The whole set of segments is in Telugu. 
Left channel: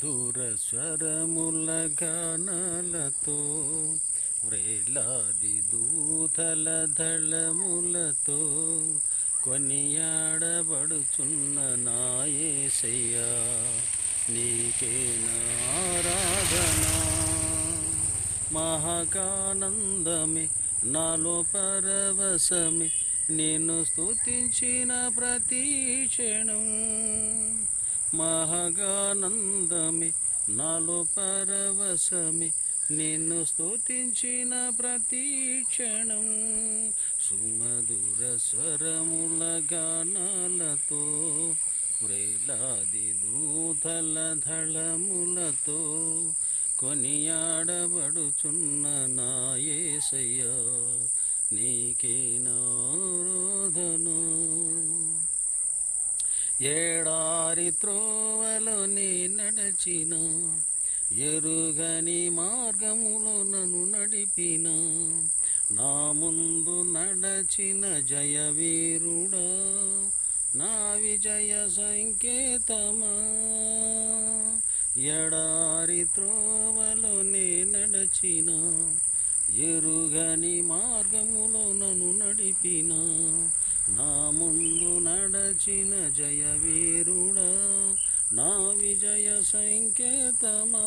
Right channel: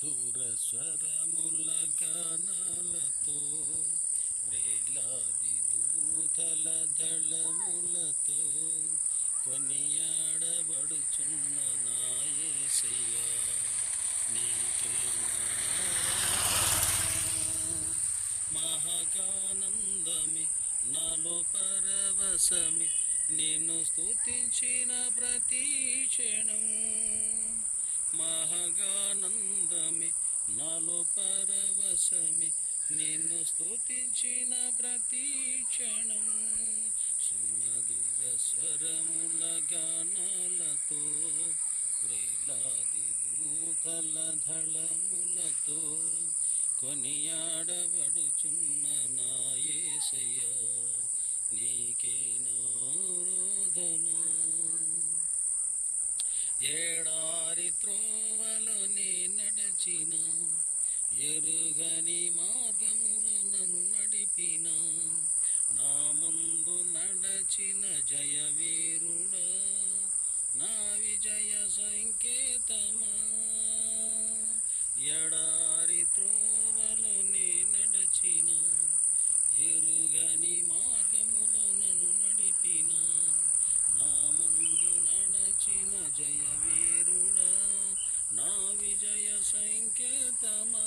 సుమధుర స్వరముల గానాలతో వ్రేలాది దూతల దళములతో కొనియాడబడుచున్న నా యేసయ్యా నీకే ఆరాధన. మహాకానందమే నాలో పరవశమే నిన్ను స్తుతించిన ప్రతి క్షణం. మహాగానందమే నాలో పరవశమే నిన్ను స్తుతించిన ప్రతి క్షణం. సుమధుర స్వరముల గానాలతో వ్రేలాది దూతల దళములతో కొనియాడబడుచున్న నా యేసయ్యా నీకే ఆరాధన. ఏడారి త్రోవలో నీ నడచిన ఎరుగని మార్గములో నన్ను నడిపిన నా ముందు నడచిన జయవీరుడా నా విజయ సంకేతమా. ఎడారి త్రోవలో నీ నడచిన ఎరుగని మార్గములో నన్ను నడిపిన నా ముందు నడచిన జయవీరుడా నా విజయ సంకేతమా.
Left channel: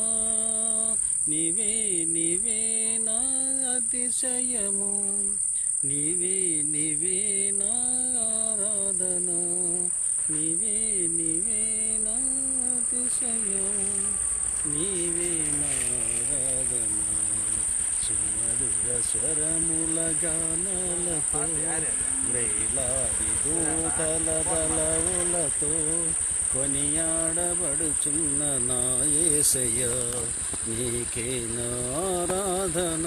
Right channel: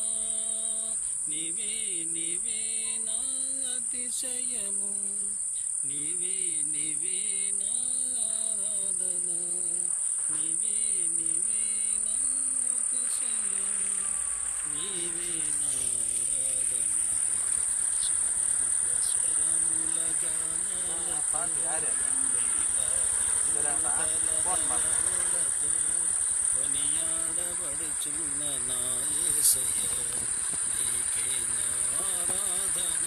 నీవే నీవే నా అతిశయము, నీవే నీవే నా ఆరాధన, నీవే నీవే నా అతిశయం, నీవే నా ఆరాధన. సుమధుర స్వరముల గానాలతో వేలాది దూతల దళములతో కొనియాడబడుచున్న నా యేసయ్యా నీకే ఆరాధన.